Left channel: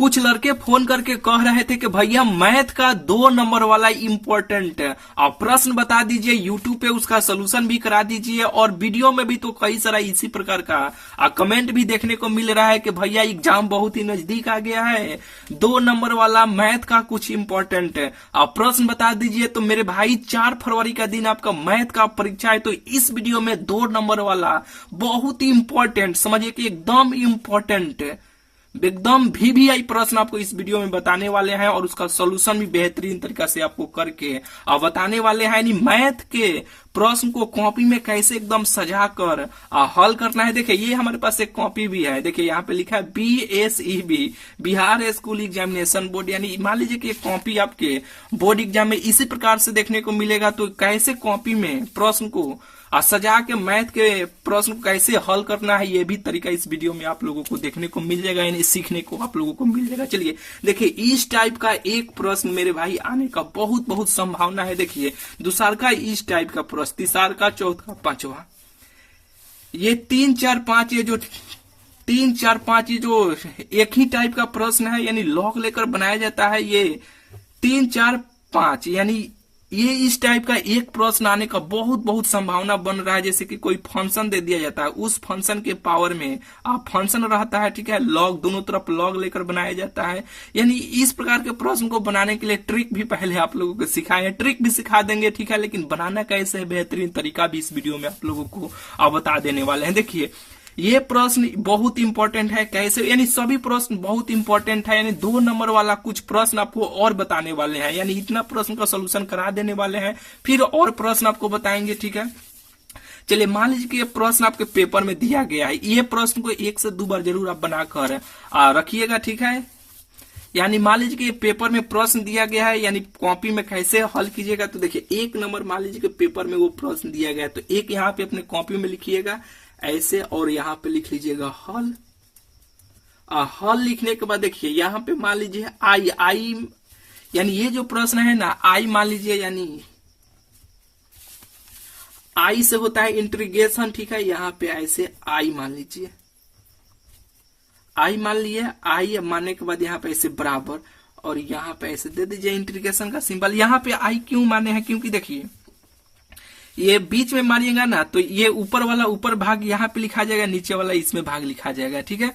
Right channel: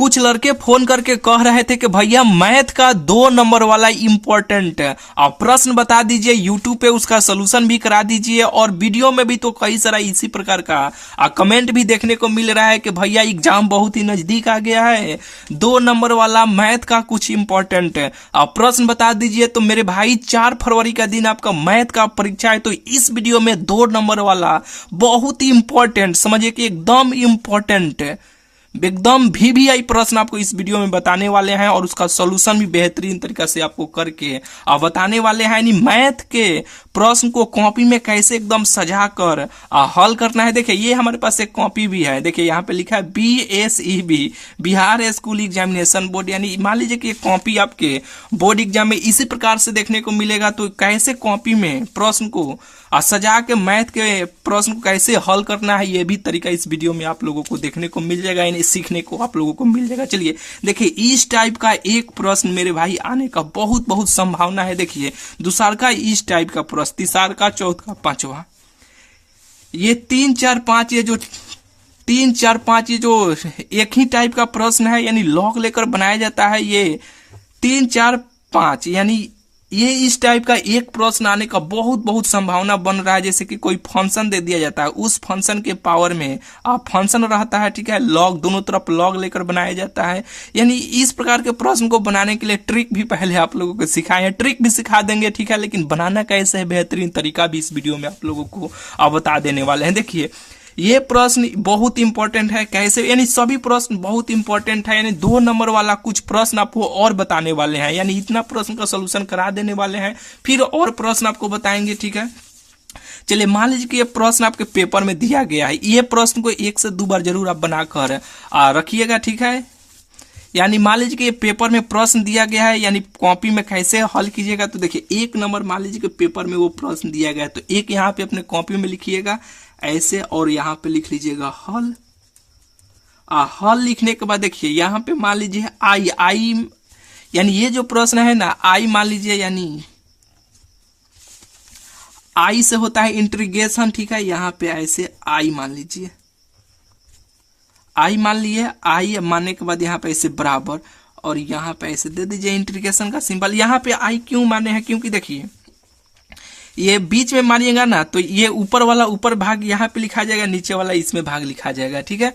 कुछ लड़के फोन करके कह रहे थे कि भैया मैथ का 2 नंबर वाला इम्पोर्टेंट आप प्रश्न बता दीजिए, यूट्यूब पे उसका सोल्यूशन भी करा दीजिए, और वीडियो में भी तो कई सारा इसी प्रकार का कमेंट भी देखने को मिल रहा है कि भैया एग्जाम बहुत ही नजदीक आ गया है, 2 नंबर वाला मैथ का कुछ इम्पोर्टेंट आप प्रश्न बता दीजिए। तो मेरे भाई 4 फरवरी का दिन आपका मैथ का परीक्षा है, तो इस वीडियो में 2 नंबर वाला बहुत ही इंपॉर्टेंट, समझिए कि एकदम इंपॉर्टेंट, एकदम VVI प्रश्न आपको इस वीडियो में बताने वाले हैं, और उसका सॉल्यूशन भी बेहतरीन तरीका से आपको करके बताने वाले हैं। यानी मैथ के प्रश्न को कॉपी में कैसे एकदम सजा कर हल करना है। देखिए ये हमारे पास एक कॉपी भी है, देखिए यहाँ पे लिखा है BSEB, Bihar school examination board. यानी मान लीजिए कि कॉपी आपके बोर्ड एग्जाम में इसी प्रकार से देखने को मिलेगा, तो कैसे कॉपी में प्रश्न को सजा के मैथ के प्रश्न को कैसे हल करना है, ये भी तरीका इस वीडियो में आप लोगों को देखने को मिल जाएगा, यानी सीखने को आप लोगों को मिल जाएगा। चलिए देखिए इस टाइप का एक प्रश्न मेरे भाई आने का बहुत बहुत संभावना है। देखिए दूसरा का इस टाइप का प्रश्न, तीसरा का, चौथा, पांचवा, ये 3 4 5, ये जो 3 4 5 ये जो एक ही टाइप का प्रश्न है, यानी लॉग लेकर बनाया जाता है। ये 3 4 5 यानी ये इस टाइप का एक प्रश्न आने का बहुत बहुत संभावना बन रहा है। जैसे कि कोई फंक्शन दे दिया जाता है, उस फंक्शन के पावर में फंक्शन रहता है, ठीक है, लॉग, दोनों तरफ लॉग लेकर बनाया जाता है। यानी इस प्रकार के प्रश्न को बनाने के लिए ट्रिक भी पहले आप लोगों को सिखाए हैं, ट्रिक भी सिखा देंगे, ठीक है, लेकिन बनाना कैसे है बेहतरीन तरीका भी इस वीडियो में आप लोगों को बता देने वाले हैं। देखिए ये प्रश्न बहुत इंपॉर्टेंट है, कैसे, यानी सभी प्रश्न बहुत इंपॉर्टेंट है। यानी 2 नंबर वाला कुछ प्रश्न आपको और बताने वाले हैं, यानी इतना प्रश्न का सोल्यूशन करा देने वाले हैं, फिर और प्रश्न आपको बताएंगे, ठीक है। चलिए मान लीजिए कि ये प्रश्न आपके पेपर में दिया गया है, ये प्रश्न को 1 से 2 बार जरूर आप बनाकर रखिएगा, ठीक है। यानी मान लीजिए कि ये पेपर में प्रश्न दिया गया है, यानी कॉपी में कैसे हल कीजिएगा। तो देखिए 1 नंबर मान लीजिए कि पेपर में वो प्रश्न दिया गया है, तो एक यहाँ पे अपने कॉपी में लिखिएगा ऐसे, और यहाँ पे लिख लीजिएगा हल। हल लिखने के बाद देखिए यहाँ पे मान लीजिए आई, यानी ये जो प्रश्न है ना, आई मान लीजिए, यानी आई से होता है इंटीग्रेशन, ठीक है। यहाँ पे ऐसे आई मान लीजिए, आई मान लिए, आई मानने के बाद यहाँ पे ऐसे बराबर, और यहाँ पे ऐसे दे दीजिए इंटीग्रेशन का सिंबल। यहाँ पे आई क्यों माने हैं, क्योंकि देखिए ये बीच में मानिएगा ना, तो ये ऊपर वाला ऊपर भाग यहाँ पे लिखा जाएगा, नीचे वाला इसमें भाग लिखा जाएगा, ठीक है।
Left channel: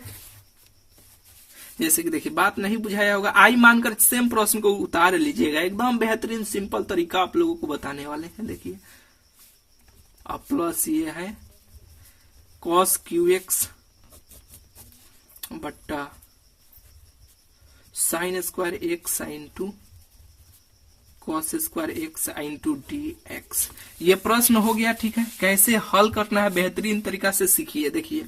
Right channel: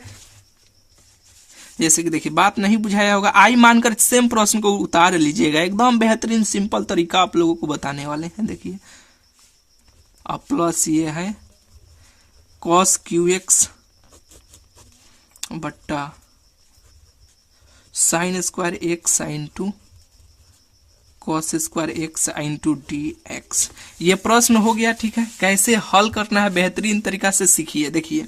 जैसे कि देखिए बात नहीं बुझाया होगा, आई मानकर सेम प्रश्न को उतार लीजिएगा, एकदम बेहतरीन सिंपल तरीका आप लोगों को बताने वाले हैं। देखिए अब प्लस ये है cos QX बट्टा sin square x sin 2 cos square x sin 2 dx। ये प्रश्न हो गया, ठीक है। कैसे हल करना है बेहतरीन तरीका से सीखिए। देखिए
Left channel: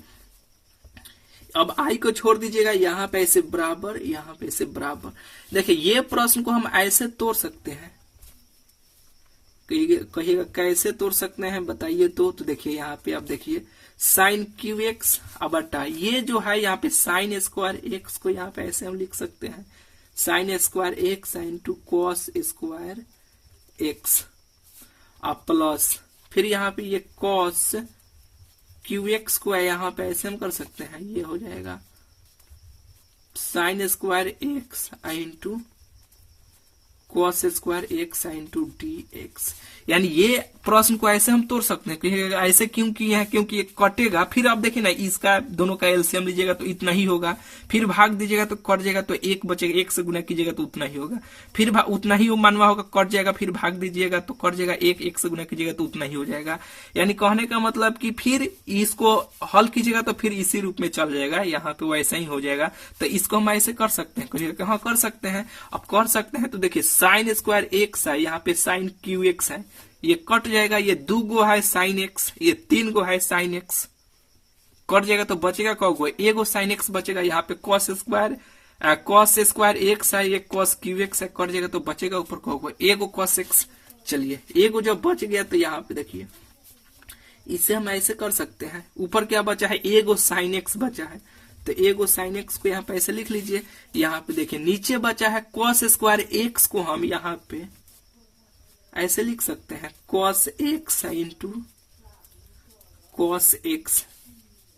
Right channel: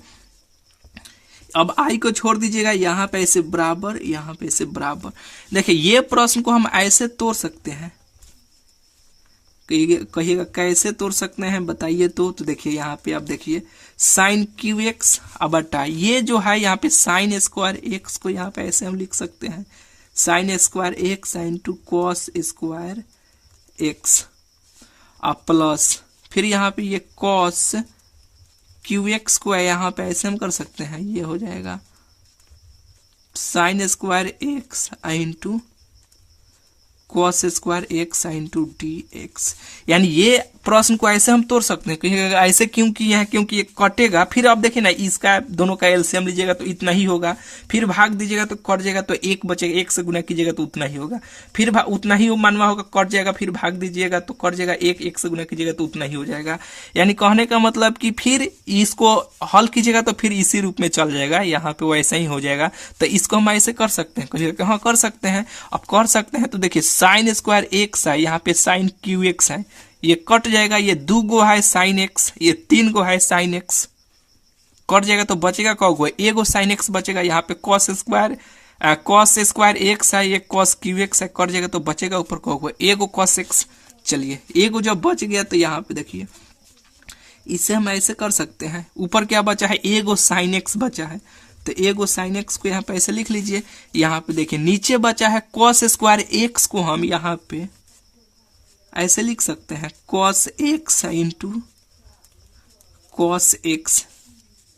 अब आई को छोड़ दीजिएगा, यहाँ पे ऐसे बराबर, यहाँ पे ऐसे बराबर। देखिए ये प्रश्न को हम ऐसे तोड़ सकते हैं, कहिएगा कैसे तोड़ सकते हैं बताइए। तो देखिए यहाँ पे आप देखिए sin QX बटा ये जो है यहाँ पे sin स्क्वायर x को यहाँ पे ऐसे हम लिख सकते हैं sin square x sin 2 cos square x plus, फिर यहाँ पे ये cos QX को यहाँ पे ऐसे हम कर सकते हैं, ये हो जाएगा sin square x into cos square x sin 2 dx। यानी ये प्रश्न को ऐसे हम तोड़ सकते हैं, कहीं ऐसे क्यों किए हैं, क्योंकि ये कटेगा, फिर आप देखिए ना इसका दोनों का एलसीएम लीजिएगा तो इतना ही होगा, फिर भाग दीजिएगा तो कट जाएगा, तो 1 बचेगा, 1 से गुना कीजिएगा तो उतना ही होगा, फिर उतना ही मानवा होगा, कट जाएगा, फिर भाग दीजिएगा तो कट जाएगा, 1 से गुना कीजिएगा तो उतना ही हो जाएगा। यानी कहने का मतलब कि फिर इसको हल कीजिएगा तो फिर इसी रूप में चल जाएगा, यहाँ पे वैसा ही हो जाएगा। तो इसको हम ऐसे कर सकते हैं, कहिएगा हाँ कर सकते हैं। अब कर सकते हैं तो देखिए sin स्क्वायर x है, यहाँ पे sin QX है, ये कट जाएगा, ये 2 गो है sin x, ये 3 गो है sin x, कट जाएगा तो बचेगा कौ गो, 1 गो sin x बचेगा। यहाँ पे cos स्क्वायर x है, ये cos QX है, कट जाएगा तो बचेगा ऊपर कौ गो, 1 गो cos x। चलिए 1 गो जब बच गया तो यहाँ पे देखिए इसे हम ऐसे कर सकते हैं, ऊपर क्या बचा है, 1 गो sin x बचा है, तो 1 गो sin x को यहाँ पे ऐसे लिख लीजिए। यहाँ पे देखिए नीचे बचा है cos स्क्वायर x को हम यहाँ पे ऐसे लिख सकते हैं cos x into cos x,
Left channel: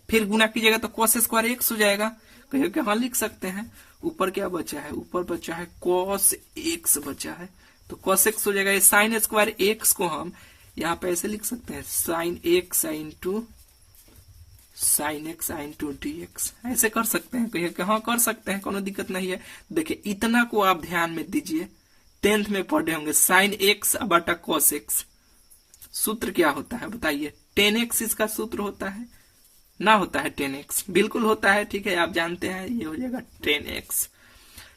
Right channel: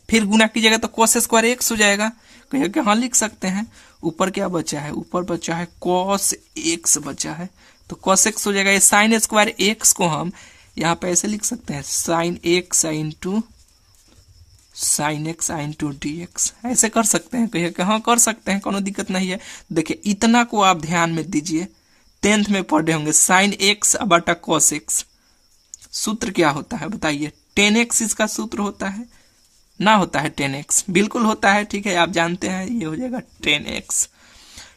फिर गुना कीजिएगा तो cos स्क्वायर x हो जाएगा, कहिए कि हाँ लिख सकते हैं ऊपर क्या बचा है, ऊपर बचा है cos x बचा है, तो cos x हो जाएगा। ये साइन स्क्वायर x को हम यहाँ पे ऐसे लिख सकते हैं, sine x into sine x into D x, ऐसे कर सकते हैं, कहिए कि हाँ कर सकते हैं, कोनो दिक्कत नहीं है। देखिए इतना को आप ध्यान में दीजिए, 10th में पढ़े होंगे, साइन एक्स बटा cos x सूत्र क्या होता है बताइए, 10x इसका सूत्र होता है ना, होता है 10x, बिल्कुल होता है, ठीक है, आप जानते हैं, ये हो जाएगा 10x।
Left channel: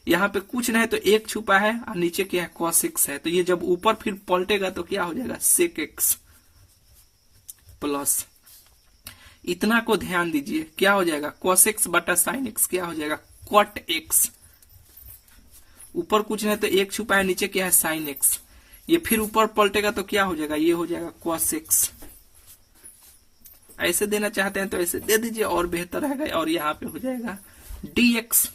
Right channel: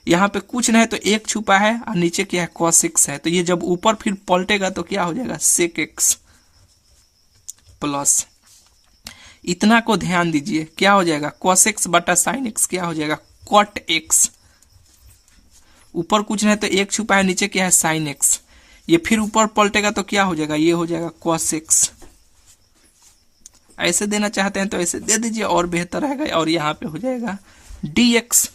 यहाँ पे कुछ नहीं तो एक छुपा है और नीचे क्या है cos x है, तो ये जब ऊपर फिर पलटेगा तो क्या हो जाएगा sec x प्लस, इतना को ध्यान दीजिए, क्या हो जाएगा cos x बटा sin x क्या हो जाएगा cot x, ऊपर कुछ नहीं तो एक छुपा है, नीचे क्या है sin x, ये फिर ऊपर पलटेगा तो क्या हो जाएगा, ये हो जाएगा cos x। ऐसे देना चाहते हैं तो ऐसे दे दीजिए और बेहतर रहेगा, और यहाँ पे हो जाएगा dx,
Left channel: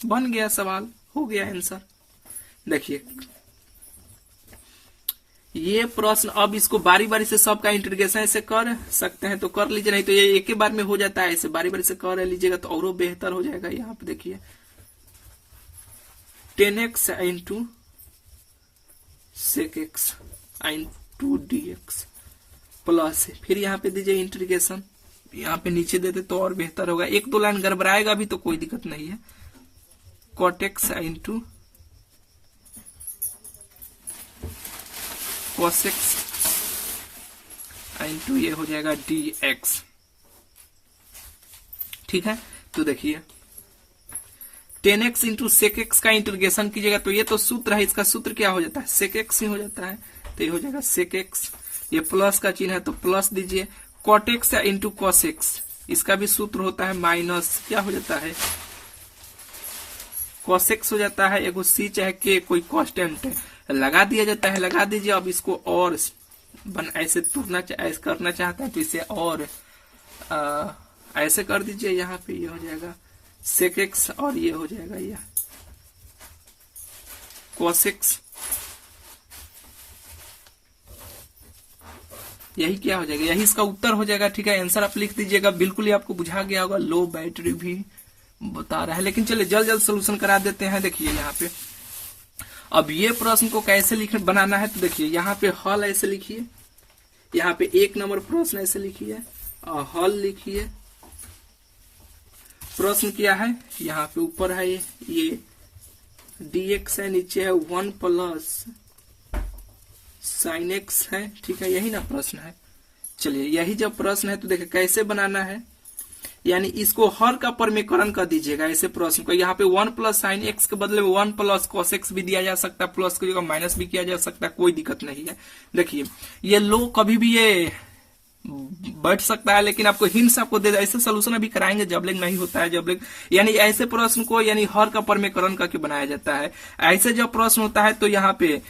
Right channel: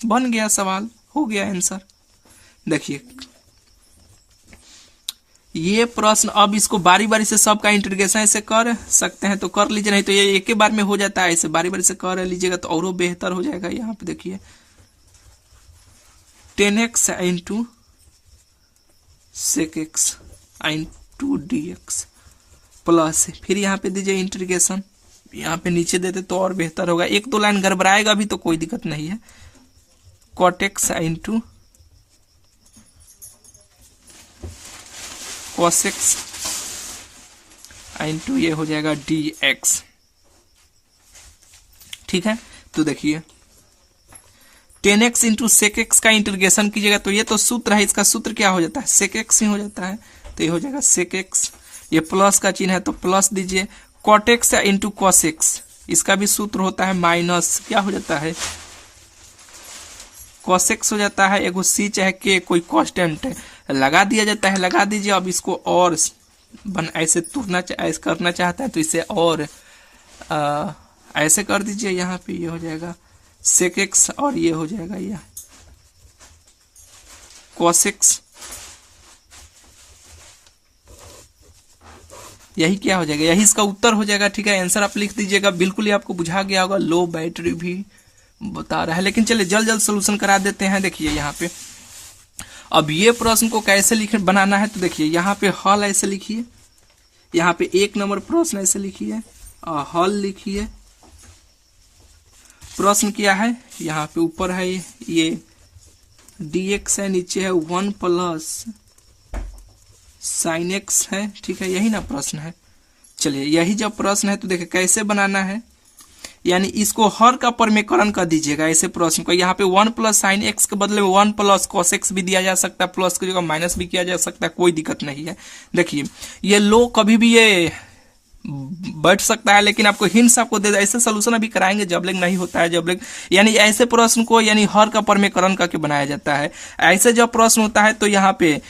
बन गया सवाल, हो गया आंसर। देखिए ये प्रश्न, अब इसको बारी बारी से सबका इंटीग्रेशन ऐसे कर सकते हैं तो कर लीजिए, नहीं तो ये एक ही बार में हो जाता है, ऐसे बारी बारी से कर लीजिएगा तो और बेहतर हो जाएगा। यहाँ पे देखिए 10x into sec x into D x plus, फिर यहाँ पे दीजिए इंटीग्रेशन, यहाँ पे नीचे देते तो और बेहतर होगा, एक दो लाइन गड़बड़ाएगा भी तो कोई दिक्कत नहीं है, cot x into cos x into ये हो जाएगा dx, ठीक है। तो देखिए 10x इंटू सेक एक्स का इंटीग्रेशन कीजिएगा तो ये तो सूत्र है, इसका सूत्र क्या हो जाता है सेक एक्स ही हो जाता है, तो ये हो जाएगा सेक एक्स, ये प्लस का चिन्ह है तो प्लस दीजिए, cot x into cos x, इसका भी सूत्र होता है माइनस, क्या हो जाता है cos x हो जाता है, एगो c चाहे k कोई कांस्टेंट लगा दिया जाता है, लगा दीजिए। अब इसको और ऐसे तोड़ना ऐसे करना चाहता है तो इसे और ऐसे कर दीजिए, यहाँ पे ये हो जाएगा सेक एक्स और ये हो जाएगा ये cos x, यही क्या हो जाएगा, यही इसका उत्तर हो जाएगा, ठीक है। आंसर आप लिख दीजिएगा, बिल्कुल ही आपको बुझा गया होगा, लो बैटरी भी बता रहा है, लेकिन चलिए जल्द जल्द सोल्यूशन करा देते हैं। देखिए यहाँ पे अब ये प्रश्न को कैसे लिख बनाना है, तो देखिए यहाँ पे हल ऐसे लिखिए, यहाँ पे 1 नंबर प्रश्न ऐसे लिखिए और हल लिखिए। प्रश्न क्या है, यहाँ पे ऊपर है ये dx है, नीचे है 1 प्लस sin x है, ठीक है, यही ना प्रश्न है। चलिए यही जब प्रश्न है तो देखिए कैसे बनाना है, यानी इसको हर का परमेकरण कर दीजिएगा ऐसे प्रश्न को। यहाँ पे 1 प्लस साइन एक्स के बदले में 1 प्लस cos x भी दिया जा सकता है, प्लस की जगह माइनस भी किया जा सकता है, कोई दिक्कत नहीं है। देखिए ये लो कभी भी ये बैठ सकता है, लेकिन आपको हिंट्स आपको दे, ऐसे सोल्यूशन अभी कराएंगे जब तक नहीं होता है, जब तक यानी ऐसे प्रश्न को यानी हर का परमेकरण करके बनाया जाता है। ऐसे जब प्रश्न होता है तो यहाँ पे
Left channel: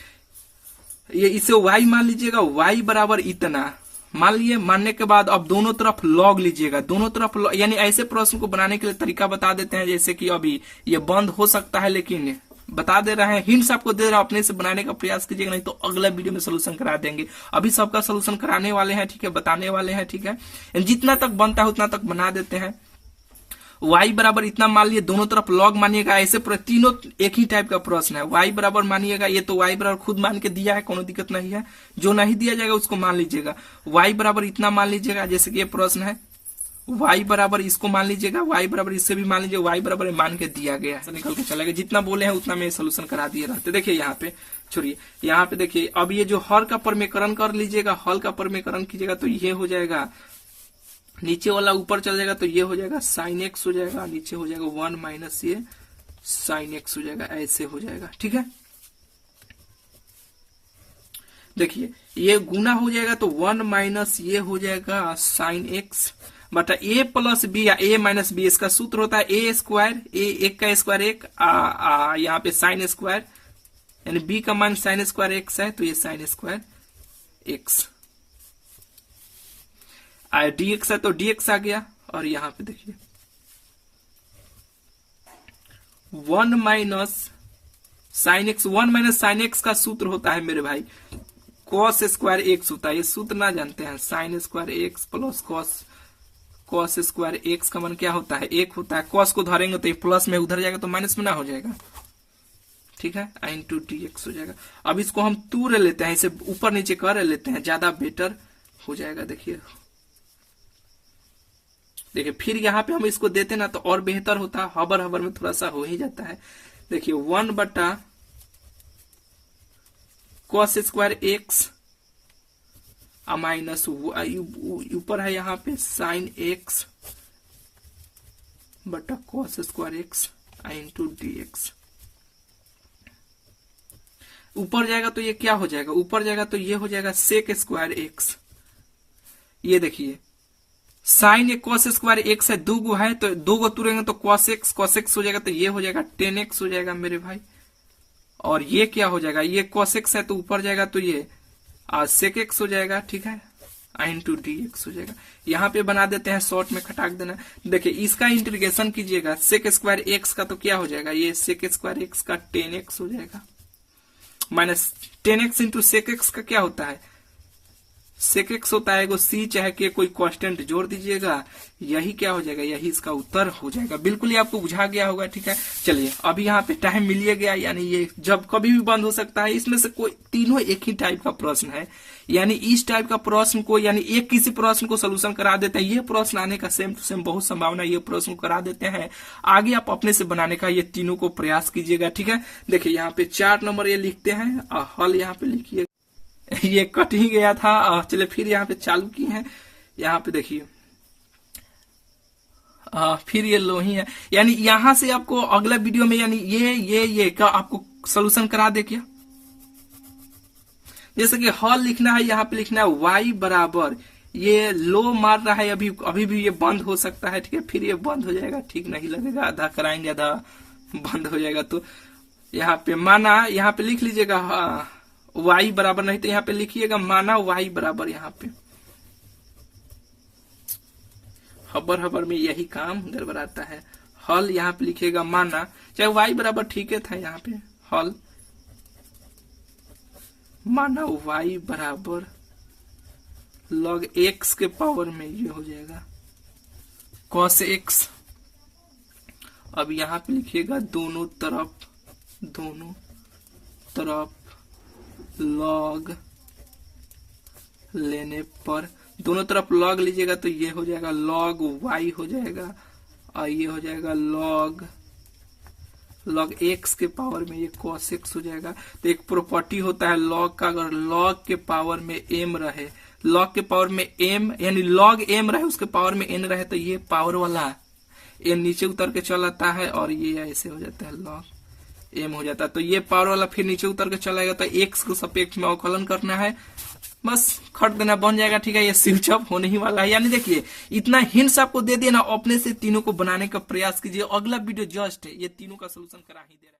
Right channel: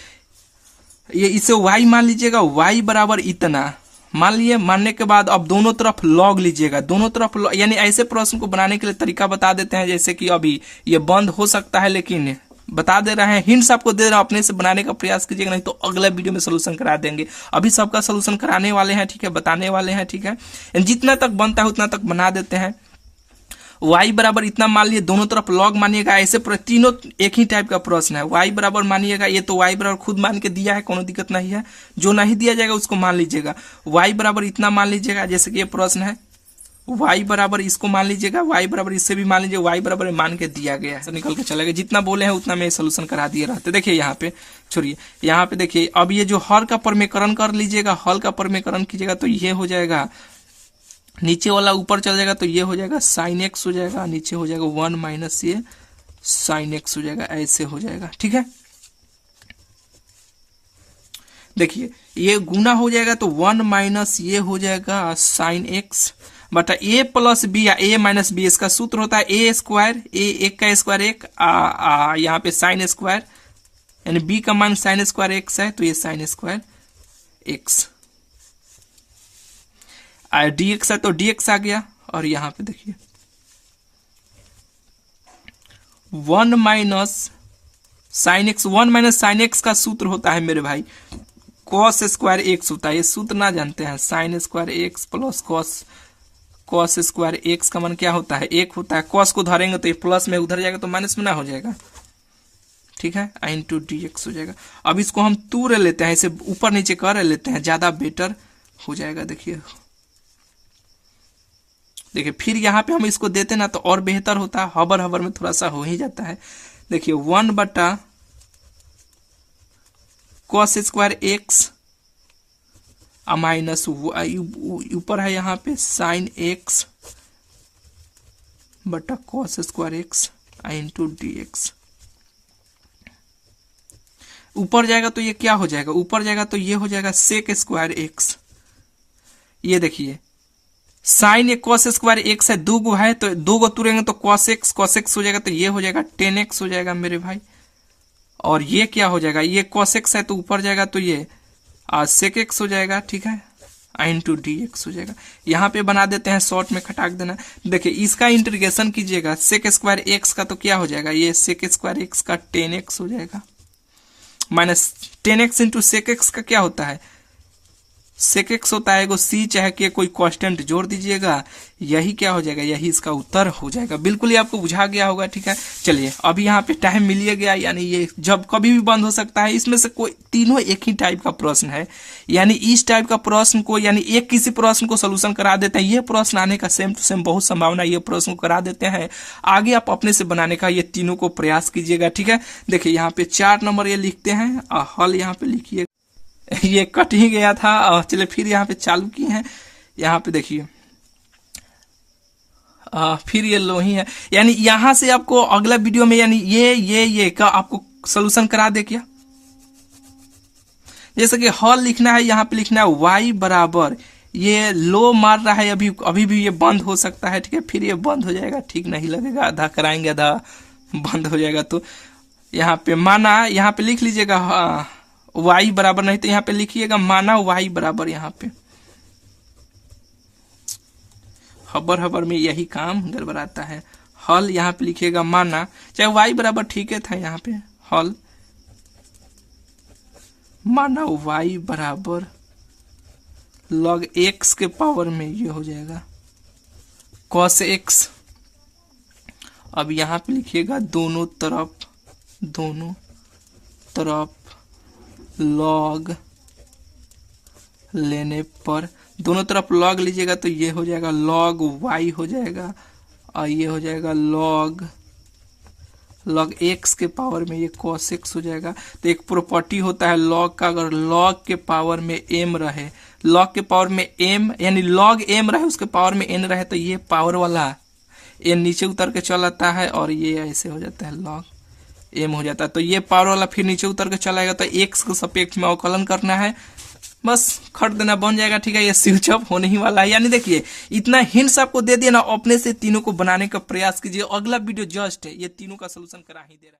ये इसे y मान लीजिएगा, y बराबर इतना मान लिए, मानने के बाद अब दोनों तरफ लॉग लीजिएगा, दोनों तरफ यानी ऐसे प्रश्न को बनाने के लिए तरीका बता देते हैं, जैसे कि अभी ये बंद हो सकता है लेकिन बता दे रहे हैं, हिंट्स आपको दे रहे हैं, अपने से बनाने का प्रयास कीजिएगा, नहीं तो अगले वीडियो में सोल्यूशन करा देंगे। अभी सबका सोल्यूशन कराने वाले हैं, ठीक है, बताने वाले हैं, ठीक है, जितना तक बनता है उतना तक बना देते हैं। y बराबर इतना मान लिए, दोनों तरफ लॉग मानिएगा, ऐसे तीनों एक ही टाइप का प्रश्न है। y बराबर मानिएगा, ये तो y बराबर खुद मान के दिया है, कोनो दिक्कत नहीं है, जो नहीं दिया जाएगा उसको मान लीजिएगा। y बराबर इतना मान लीजिएगा, जैसे कि ये प्रश्न है, y बराबर इसको मान लीजिएगा, y बराबर इससे भी मान लीजिए, y बराबर मान के दिया गया है, निकल के चलेगा, जितना बोले हैं उतना में सोल्यूशन करा दिए रहते। देखिए यहाँ पे छोड़िए, यहाँ पे देखिए अब ये जो हल का परमेकरण कर लीजिएगा, हल का परमेकरण कीजिएगा तो ये हो जाएगा, नीचे वाला ऊपर चल जाएगा तो ये हो जाएगा साइन एक्स हो जाएगा, नीचे हो जाएगा 1 माइनस ये साइन एक्स हो जाएगा, ऐसे हो जाएगा, ठीक है। देखिए ये गुना हो जाएगा तो 1 माइनस ये हो जाएगा साइन एक्स बटा ए प्लस बी या ए माइनस बी, इसका सूत्र होता है ए स्क्वायर, एक का स्क्वायर एक, यहाँ पे साइन स्क्वायर, यानी बी का मान साइन स्क्वायर एक्स है तो ये साइन स्क्वायर एक्स, dx है तो dx आ गया। और यहाँ पे देखिए 1 minus sine x, 1 minus sine x का सूत्र होता है मेरे भाई cos स्क्वायर एक्स होता है, ये सूत्र ना जानते हैं, sine square x plus cos square x का मान क्या होता है, 1 होता है। कॉस को धरेंगे तो ये प्लस में उधर जाएगा तो माइनस में ना हो जाएगा, ठीक है, आई इंटू डी एक्स हो जाएगा। अब इसको हम 2 ले लेते हैं, इसे ऊपर नीचे कर लेते हैं, ज्यादा बेटर हो जाएगा। देखिए फिर यहाँ पे हम इसको देते ना तो और बेहतर होता है, हबर हबर में थोड़ा सा हो ही जाता है। देखिए 1 बटा कॉस स्क्वायर एक्स माइनस ऊपर है यहाँ पे साइन एक्स बटा कॉस स्क्वायर एक्स आई इंटू डी एक्स। ऊपर जाएगा तो ये क्या हो जाएगा, ऊपर जाएगा तो ये हो जाएगा सेक स्क्वायर एक्स। ये देखिए साइन एक कॉस स्क्वायर एक्स है, 2 गो है तो 2 गो तुरेंगे तो कॉस एक्स हो जाएगा, तो ये हो जाएगा 10x हो जाएगा मेरे भाई। और ये क्या हो जाएगा, ये कॉस एक्स है तो ऊपर जाएगा तो ये सेक एक्स हो जाएगा, ठीक है, आई इंटू डी एक्स हो जाएगा। यहाँ पे बना देते हैं, शॉर्ट में खटाक देना। देखिए इसका इंटीग्रेशन कीजिएगा, सेक स्क्वायर एक्स का तो क्या हो जाएगा, ये सेक स्क्वायर एक्स का 10x हो जाएगा, minus 10x into sec x का क्या होता है, सेक एक्स होता है, सी चाहे कि कोई कांस्टेंट जोड़ दीजिएगा, यही क्या हो जाएगा, यही इसका उत्तर हो जाएगा। बिल्कुल ही आपको बुझा गया होगा, ठीक है। चलिए अभी यहाँ पे टाइम मिलिए गया, यानी ये जब कभी भी बंद हो सकता है। इसमें से कोई तीनों एक ही टाइप का प्रश्न है, यानी इस टाइप का प्रश्न को, यानी एक किसी प्रश्न को सोल्यूशन करा देते हैं, ये प्रश्न आने का सेम टू सेम बहुत संभावना, ये प्रश्न को करा देते हैं। आगे आप अपने से बनाने का ये तीनों को प्रयास कीजिएगा, ठीक है। देखिए यहाँ पे 4 नंबर ये लिखते हैं और हल यहाँ पे लिखिए, ये कट ही गया था। और चलिए फिर यहाँ पे चालू किए हैं, यहाँ पे देखिए फिर ये लो ही है, यानी यहां से आपको अगला वीडियो में यानी ये का आपको सोल्यूशन करा दे क्या। जैसे कि हल लिखना है, यहाँ पे लिखना है y बराबर, ये लो मार रहा है अभी भी ये बंद हो सकता है, ठीक है। फिर ये बंद हो जाएगा, ठीक नहीं लगेगा, आधा कराएंगे आधा बंद हो जाएगा। तो यहाँ पे माना, यहाँ पे लिख लीजिएगा y बराबर, नहीं तो यहाँ पे लिखिएगा माना y बराबर, यहाँ पे हबर में यही काम गड़बड़ाता है। हल यहाँ पे लिखिएगा माना, चाहे y बराबर ठीक है था, यहाँ पे हल माना y बराबर log x के पावर में ये हो जाएगा cos x। अब यहाँ पे लिखिएगा दोनों तरफ लॉग लेने पर, दोनों तरफ लॉग लीजिएगा तो ये हो जाएगा लॉग y हो जाएगा, और ये हो जाएगा लॉग x के पावर में ये cos x हो जाएगा। तो एक प्रॉपर्टी होता है लॉग का, अगर लॉग के पावर में m रहे, लॉग के पावर में m यानी लॉग m रहे, उसके पावर में n रहे, तो ये पावर वाला n नीचे उतर के चल आता है और ये ऐसे हो जाता है लॉग m हो जाता है। तो ये पावर वाला फिर नीचे उतर के चलाएगा, तो x को सापेक्ष में अवकलन करना है, बस खट देना बन जाएगा, ठीक है। ये स्विच ऑफ होने ही वाला है। यानी देखिए इतना हिंट्स आपको दे दिया ना, अपने से तीनों को बनाने का प्रयास कीजिए। अगला वीडियो जस्ट ये तीनों का सोल्यूशन करा ही दे रहा है।